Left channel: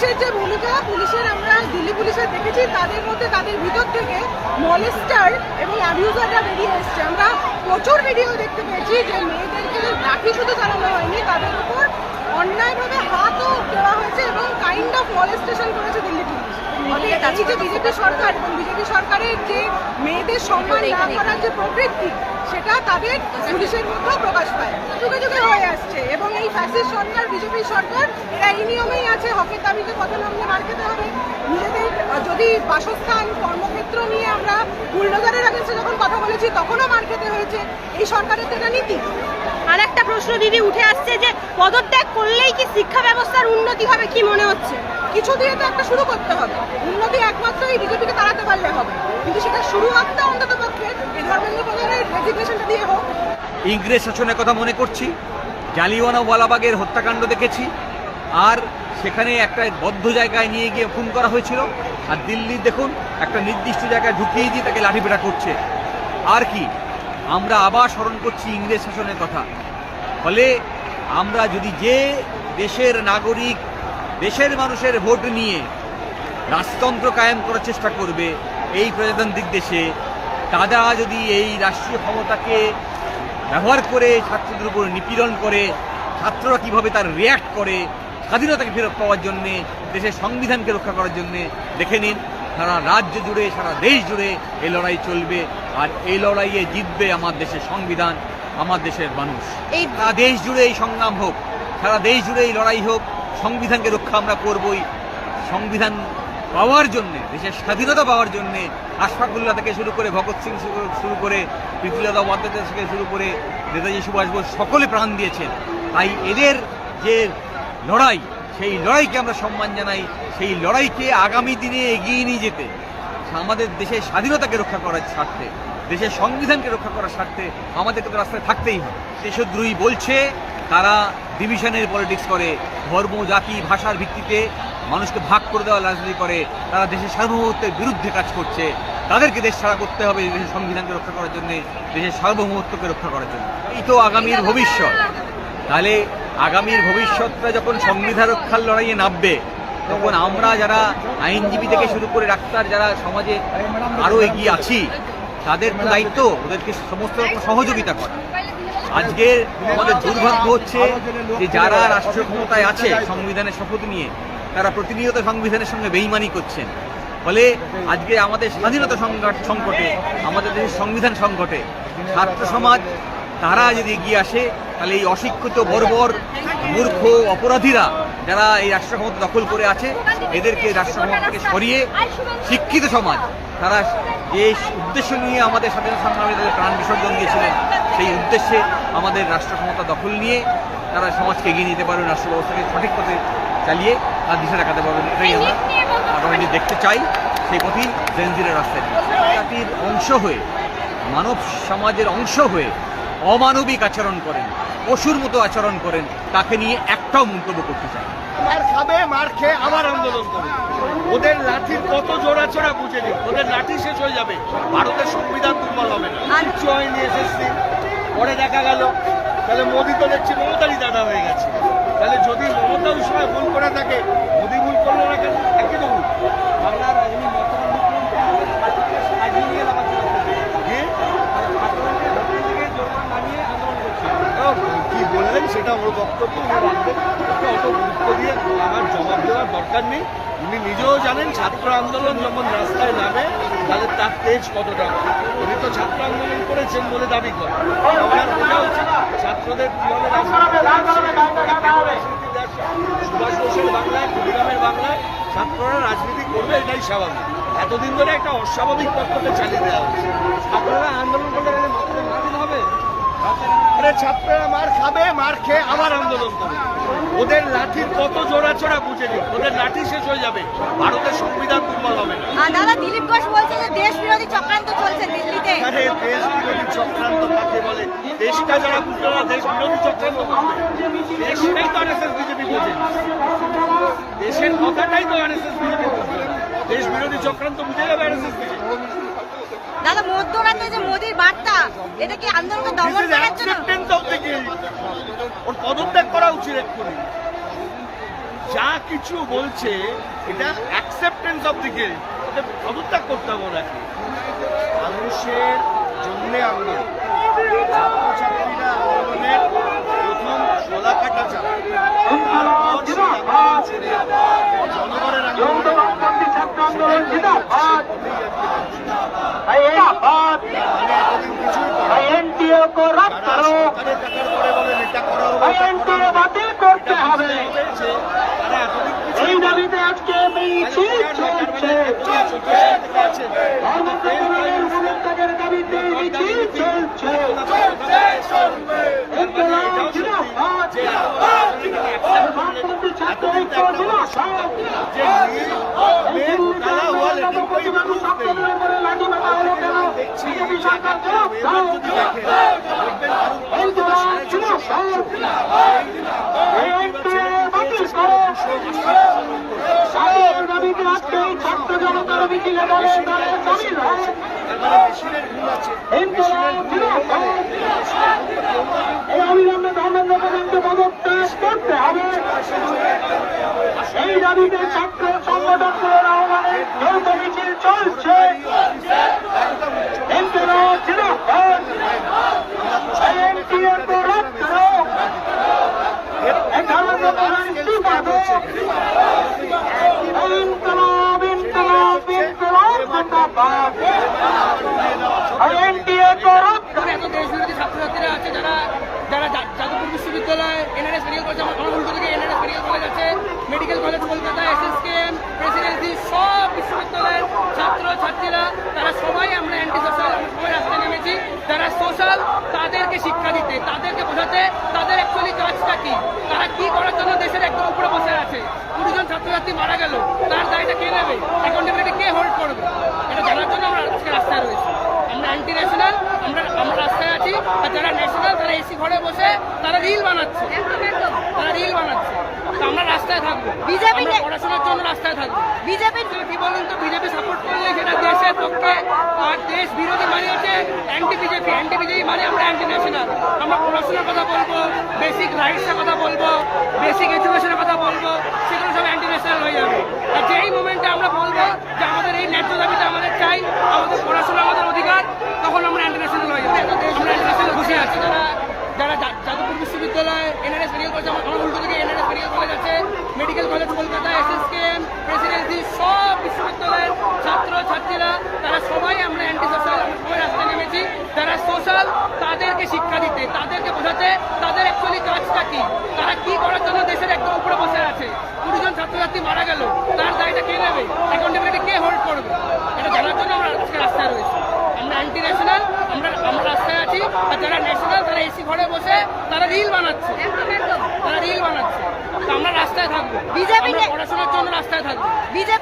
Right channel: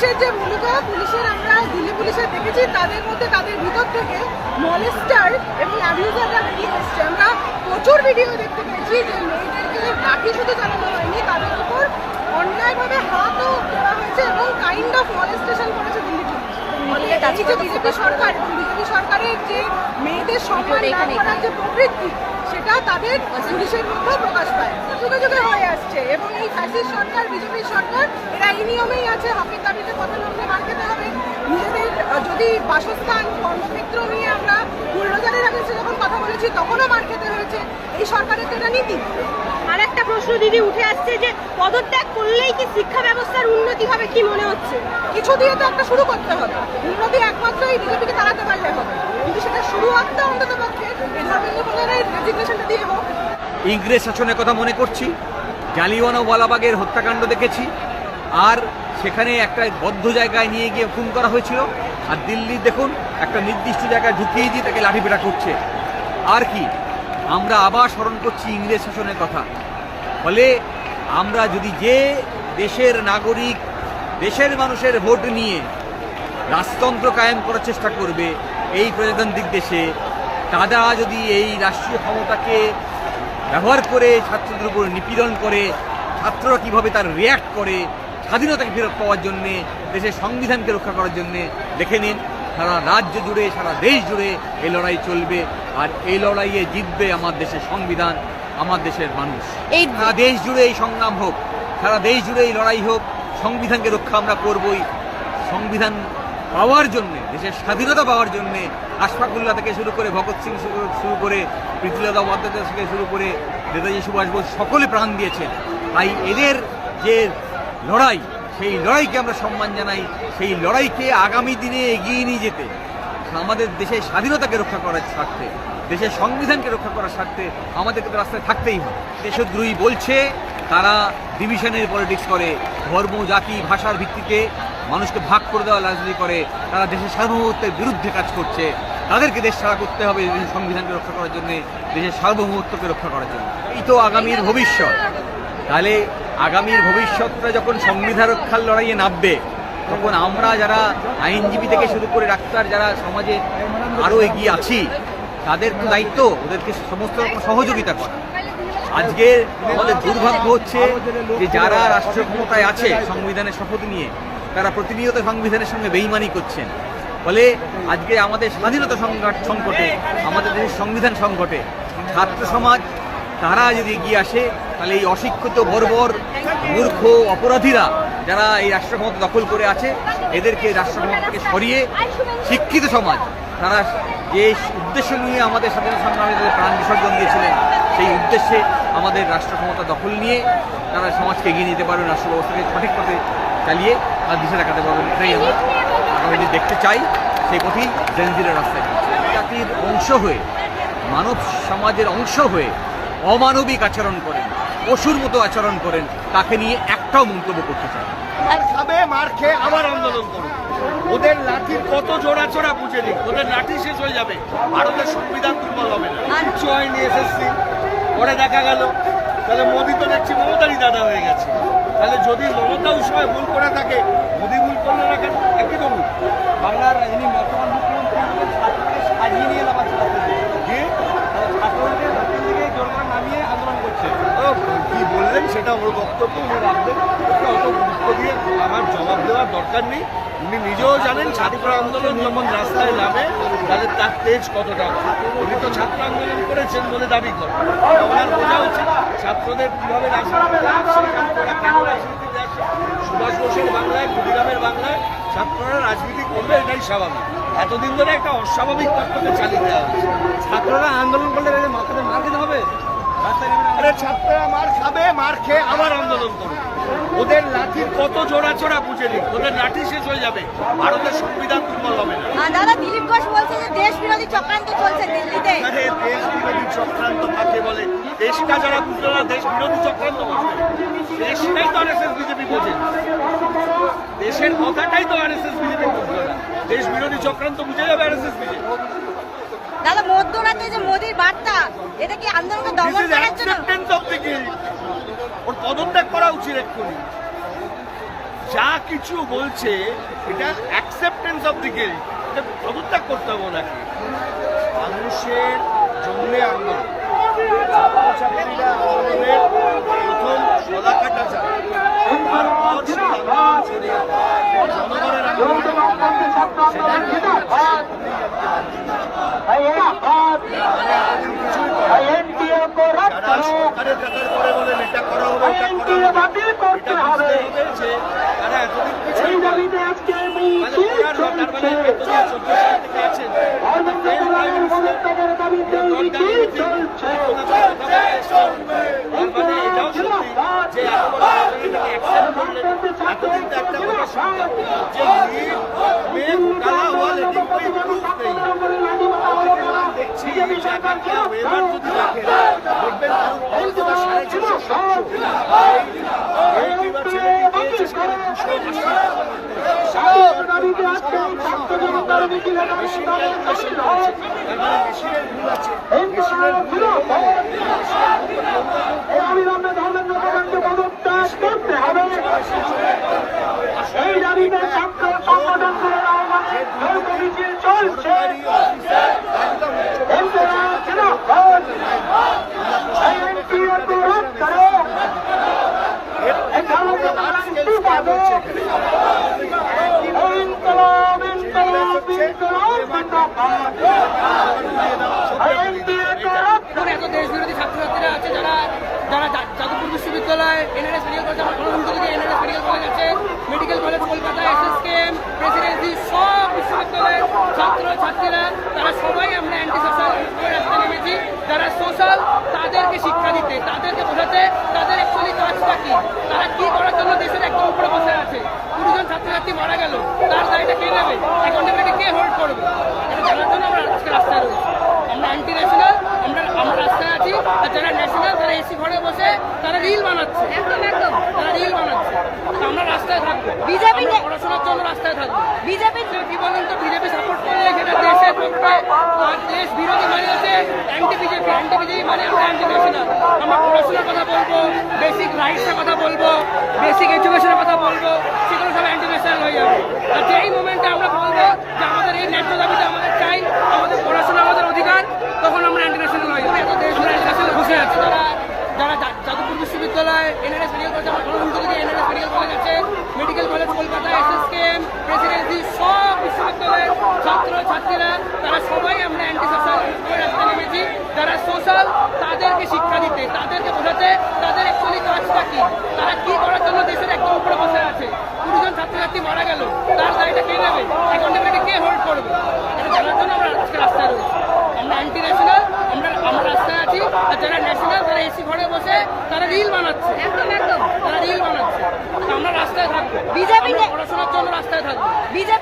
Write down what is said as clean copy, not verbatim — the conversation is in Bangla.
পুলিশের যে ভূমিকা, পুলিশের আমরা দিল্লি পুলিশের দেখেছি, তাদের মধ্যে তাদের ভিতর থেকে মলেস্টার এবং অ্যাবিউজাররা বেরিয়ে এসছে। আমরা প্রচুর ভিডিও দেখতে পেয়েছি যে মেয়েদেরকে লাঠি শুধু চালানো হয়নি, তাদের উপর অন্যায়ভাবে হাতও দেওয়া হয়েছে এবং কাইন্ড অফ মলেস্টেশন করেছে দিল্লি পুলিশ। এই যে বিজেপি সরকার এবং বিজেপি সরকারের যে মেয়েদের সম্মান না করার যে প্রবৃত্তি, সেটা তাদের পুলিশের মধ্যেও প্রকাশ পায়, যুগে যুগে হয়ে আসছে। এবং এই ফ্যাসিস্ট সরকার, বিজেপি সরকার, এরা এই নিয়মেই আছে। হকের দাবিতে পথে নামলে মার খেতে হবে। নিজেদের যদি বাসস্থান, কর্মক্ষেত্র নিয়ে আমরা বুলডোজারের আগেছে যখন কথা বলেছি, তখনও মার খেতে হয়েছে। এই সরকারের তো এটা নীতি। আর একটা প্রশ্ন দিদি উঠে আসছে যে পদত্যাগ করলেই কি শিক্ষা ব্যবস্থার উন্নতি হবে, কি মনে হচ্ছে? কিছু দিয়ে তো একটা শুরু করতে হবে। উন্নতি একমাত্র এই বিজেপিকে তাড়াতে পারলে হবে, কিন্তু সেটা শুরু করতে অন্তত পক্ষে এই ধর্মেন্দ্র প্রধানের রেজিগনেশনটা দিয়ে হোক। ইংরেজ শাসনের কথা মনে করছি, জালিয়ানওয়ালাবাগের হত্যাকাণ্ড দেখেছি, আর সেখানে একটা বদ্ধ জায়গায় নিয়ে গিয়ে খুন করা হয়েছিল। আর দিল্লি দেখুন, একটা নির্দিষ্ট জায়গায় ঢুকিয়ে দিয়ে তাকে লাঠিপেটা করছে। আর কি, আমরা আবার স্মরণ করছি ইংরেজ শাসনের কথা। ফলে আমরা যদি যে দেশের নাগরিক, দেশের মানুষের ভোট নিয়ে রাজতন্ত্র কায়েম করার চেষ্টা করবে এই প্রজাতান্ত্রিক দেশে, তারা যদি এই রাষ্ট্রীয় ক্ষমতাকে ব্যবহার করে ছাত্রদের উপর নিপীড়ন করে, ছাত্ররা কীভাবে তার রিয়্যাক্ট করে স্বাধীনতাকে ফেরত পাওয়ার জন্যে, দেশের সংবিধানকে রক্ষা করার জন্যে, দেখে নিন সারা রাজ্য জুড়ে, সারা দেশ জুড়ে এই লড়াই চলবে। আর এই লড়াইয়ে জিতবে আমার দেশের সংবিধান, আমার দেশের মানুষ। সারা দেশ জুড়ে এই সংগ্রাম হোক, সারা দেশ জুড়ে এই লড়াই হোক, সংবিধানকে রক্ষা আমরা করবই। সংবিধান পাওয়ার জন্যে, দেশের স্বাধীনতা পাওয়ার জন্যে আশফাকুল্লাহ থেকে শুরু করে, ভগৎ সিং শুরু করে, প্রীতিলতা ওয়াদ্দেদার থেকে শুরু করে নেতাজি সুভাষ বোস সকলে প্রাণ দিয়েছেন। তাই এদের যে লড়াই, সেই লড়াইকে আমরা সম্মান জানাই। সেই লড়াইকে আগামী দিনে এগিয়ে নিয়ে যেতে আমাদের দেশের স্বাধীনতাকে রক্ষা করার স্বার্থে, দেশের সংবিধানকে রক্ষা করার স্বার্থে আমাদেরকে তো রাস্তায় থাকতেই হবে। দেশদ্রোহী বলছে, তারা ডিভিশনের পলিটিক্স করে, ধর্ম, জাতি, ভাষার ভিত্তিতে মানুষকে ভাগ করে দেওয়ার রাজনীতি করে, তারা দেশের সার্বভৌমত্বের বিরুদ্ধে কাজ করছে। তাদেরকে দেশ ছাড়া করতে হবে দেশের সংবিধানকে রক্ষা করার জন্য, দেশের সার্বভৌমত্বকে রক্ষা করার জন্য। এই তো আগামীর ভবিষ্যৎ। তাহলে আগামীর ভবিষ্যৎটা যখন সংবিধান রক্ষার লড়াইয়ে নামবে, তখন আমরা যারা আইনজীবী থেকে শুরু করে ডাক্তার, যারা সমাজে আরও এগিয়ে আছি, তাদের তো দায়িত্ব ওদেরকে সমস্ত রকম সহযোগিতা করা। আজকে আমাদের দুর্ভাগ্য হচ্ছে যে যারা রাষ্ট্রীয় ক্ষমতায় আছে সংবিধানের শপথ নিয়ে, তারা প্রতিনিয়ত সংবিধানের সঙ্গে বেইমানি করছেন। ফলে আজকে আমাদের স্বাধীনতা সংকটে, আমাদের দেশের সংবিধান সংকটে ছাত্র সমাজ তারা যদি এগিয়ে আসে, তাহলে এই অশিক্ষিত, বর্বর, মূর্খ অপরাধীরা যারা এই রাষ্ট্র ক্ষমতা দখল করে আছে, এদেরকে রাষ্ট্র ক্ষমতা থেকে সরিয়ে শিক্ষিত সমাজ, তারা যে উদ্দেশ্য নিয়ে আমাদের স্বাধীনতা সংগ্রামে তাদের প্রাণ বিসর্জন দিয়েছিলেন, সেই উদ্দেশ্যে আমাদের রাষ্ট্র ক্ষমতা দখল নিয়ে তারা সমাজকে এগিয়ে নিতে পারবেন, রাষ্ট্র ব্যবস্থাকে সঠিক পথে চালিয়ে তার দিশা দেখাতে পারবেন। এটাই আমরা আগামী দিন দেখতে চাই। সেই পথেই জেনজিরা রাস্তায় দিচ্ছে। জাতির অংশ হয়ে, মানব সমাজের অংশ হয়ে অমানবিক আচরণ করেন, পশুর মতো আচরণ করেন, তাকে নিয়ে একটাও মন্তব্য করতে চাই। মার খাবে, মার খেয়ে আবার আন্দোলন করবে। ওদের লাঠির কত জোড়াচোড়া বুঝে নিক, ওদের লাঠি শেষ হয়ে যাবে, ভারতের সংবিধান দুর্বল হবে না। কিচ্ছু হয়নি এসএসসি, পরে দেখা গেল তাহলে মোদি তো দেখছি মমতারই দাদা হয়ে গেছে। তাহলে যদি মমতা ওই সময় ভুল করে থাকে, মোদি ভুল করলো না কেন? একই তো ভুল। বাংলার কি বললেন সেটা আমার বক্তব্য, উনি রাখবেন। ওকে অত গুরুত্ব দিয়ে আমার জবাব দেওয়ার দরকার নেই। উনি নিজেও জানেন ছাত্র আন্দোলন যখন রাস্তায় নামে তাহলে তার তেজ কতটা। উনি তো ছাত্র আন্দোলন করেছেন বলে দাবি করেন, ওনার বোঝা উচিত ছাত্রদের কীভাবে রাজনীতিতে আসছে, ছাত্ররা কেন রাজনীতিতে আসে। সুভাষ বোসের বাংলায়, ক্ষুদিরামের বাংলায় ছাত্ররা রাজনীতি করবে, এটাই স্বাভাবিক। এতদিন ধরে একটা অস্বাভাবিক তত্ত্বকে চালিয়ে দেওয়া হয়েছে। ছাত্ররা আন্দোলন করলে মাথাতে মার দিতে হবে। আরে ছাত্ররা মার খাবে, মার খেয়ে আবার আন্দোলন করবে। ওদের লাঠির কত জোড়াচোড়া বুঝে নিক, ওদের লাঠি শেষ হয়ে যাবে, ভারতের সংবিধান দুর্বল হবে না। দাদা, দিলীপ ঘোষ বলছে যে দেশ বিরোধী চক্রান্ত চলছে দিল্লিতে। আরে দেশ বিরোধী চক্রান্ত কাকে বলে? দেশটা যারা বুঝলো না দেশ বিরোধী চক্রান্ত বুঝবে? দেশটাই তো আরএসএস বিজেপি বোঝে, দেশের কথাটাই তো আরএসএস বিজেপি বুঝলো না। দেশ বিরোধী চক্রান্ত বুঝে যাবে আরএসএস বিজেপি। দাদা, মধ্যরাতে যে মোদির বার্তা, এটা কি আন্দোলনকে দমন করার জন্য? ওর পদত্যাগ করা উচিত এক্ষুনি। যা কিছু বলছে এটা অ্যাকসেপ্টেন্স অফ দি গিল্ট, এটা পদত্যাগ করতে হবে ওনাকে। মানুষের জন্য আন্দোলন, ছাত্রছাত্রীরা আন্দোলনের প্রথম শলাকাটা চালায়, তারপর সেই আন্দোলন ছড়িয়ে জনগণের আন্দোলন, সেটাই কিছুই করা যারা সরকারের টাকার করে বলেন এটা করা হবে ওটা করা হবে, এটা বুঝতে হবে যে তারা এতদিন কিছুই করেন। মানে করার না, তার মানে এতদিন 14 সাল থেকে আছেন, তার মানে এটাও সত্যি যে এত বড় ঘটনাটাকে অ্যাকসেপ্ট করলেন। এতদিন তো একটা কথা শুনতাম যে মেয়ে ঘোটালা হওয়া লেকিন কোই প্রুফ নেই। যখন দেখছি এই জায়গাটা ওয়েবার যদি দেখেন দেখবেন কারণ অন্তত 650-700 এই দুইবার ছেলেটি পেয়েছে সেখানে 280 মেশিন ক্যালকুলেশন করেছে, তার মানে মেশিনের ভুল আছে, মেশিনের ভুল সরকারি অফিসার একদম আমরা প্রশাসনকে খানিকটা দেখেছিলাম এর থেকে বড় লার্জ স্কেল স্ক্যাম হচ্ছে এখন এত দেশ বিরোধী ছাত্রছাত্রীরা আছে যারা যারা যাদবপুর বিশ্ববিদ্যালয়, এনআরএস মেডিকেল কলেজ, আমার উল্টো থেকে এনআরএস মেডিকেল কলেজ আছে, medical college Kolkata, SSKM, Presidency, সব বিশ্ববিদ্যালয়ের ছাত্রছাত্রীরা তারা সবাই আমরা অ্যান্টি সোশ্যাল, আমরা সবাই রাস্তায় নেমেছি। যারা সোশ্যাল তাদেরকে শিক্ষা দিতে, তাদেরকে বোঝাতে তাদের অ্যাকচুয়ালি কাজটা কি, তারা কি করার জন্য দেশের একদম উপরে বসে আছে। 20 জন ছাত্রছাত্রী মারা গেল, তার দায়টা কে নেবে, অ্যাকাউন্টেবিলিটি কে হোল্ড করবে, এটা জানার জন্য আমরা আজকে রাস্তায় রয়েছি। আমরা অ্যান্টি ন্যাশনাল, আমরা রাস্তায় আছি। আর যারা ন্যাশনাল তারা এসি ঘরে বসে তারা রিল বানাচ্ছে, আমরা রাস্তায় থাকবো, বিজেপি পড়াশোনার জন্য রাস্তায় থাকবো। বিজেপি কি বলুন তো, বিজেপি সাপোর্ট করলে সেটা দেশের পক্ষে, আর দেশ বিরোধী মানে হচ্ছে অ্যান্টি বিজেপি, মানে আমরা অ্যান্টি ন্যাশনাল। আমরা পড়াশোনার কথা বলবো, বেসিক রাইটসের কথা বলবো, বেসিক এডুকেশনের কথা বলবো, সেগুলো সব অ্যান্টি ন্যাশনাল হয়ে যাবে। আর যেই মোমেন্টে আমরা বলবো যে আমাদের এই ন্যায্য দাবিটা আমাদের চাই, আমাদের পড়াশোনা আমাদের অধিকার, তখন আমরা অ্যান্টি ন্যাশনাল হয়ে যাবো। এত দেশ আমরা অ্যান্টি ন্যাশনাল খুশি আছে। যারা যাদবপুর বিশ্ববিদ্যালয়, এনআরএস মেডিকেল কলেজ, আমার উল্টো থেকে এনআরএস মেডিকেল কলেজ আছে, medical college Kolkata, SSKM, Presidency, সব বিশ্ববিদ্যালয়ের ছাত্রছাত্রীরা তারা সবাই আমরা অ্যান্টি সোশ্যাল, আমরা সবাই রাস্তায় নেমেছি। যারা সোশ্যাল তাদেরকে শিক্ষা দিতে, তাদেরকে বোঝাতে তাদের অ্যাকচুয়ালি কাজটা কি, তারা কি করার জন্য দেশের একদম উপরে বসে আছে। 20 জন ছাত্রছাত্রী মারা গেল, তার দায়টা কে নেবে, অ্যাকাউন্টেবিলিটি কে হোল্ড করবে, এটা জানার জন্য আমরা আজকে রাস্তায় রয়েছি। আমরা অ্যান্টি ন্যাশনাল, আমরা রাস্তায় আছি। আর যারা ন্যাশনাল তারা এসি ঘরে বসে তারা রিল বানাচ্ছে, আমরা রাস্তায় থাকবো, বিজেপি পড়াশোনার জন্য রাস্তায় থাকবো। বিজেপি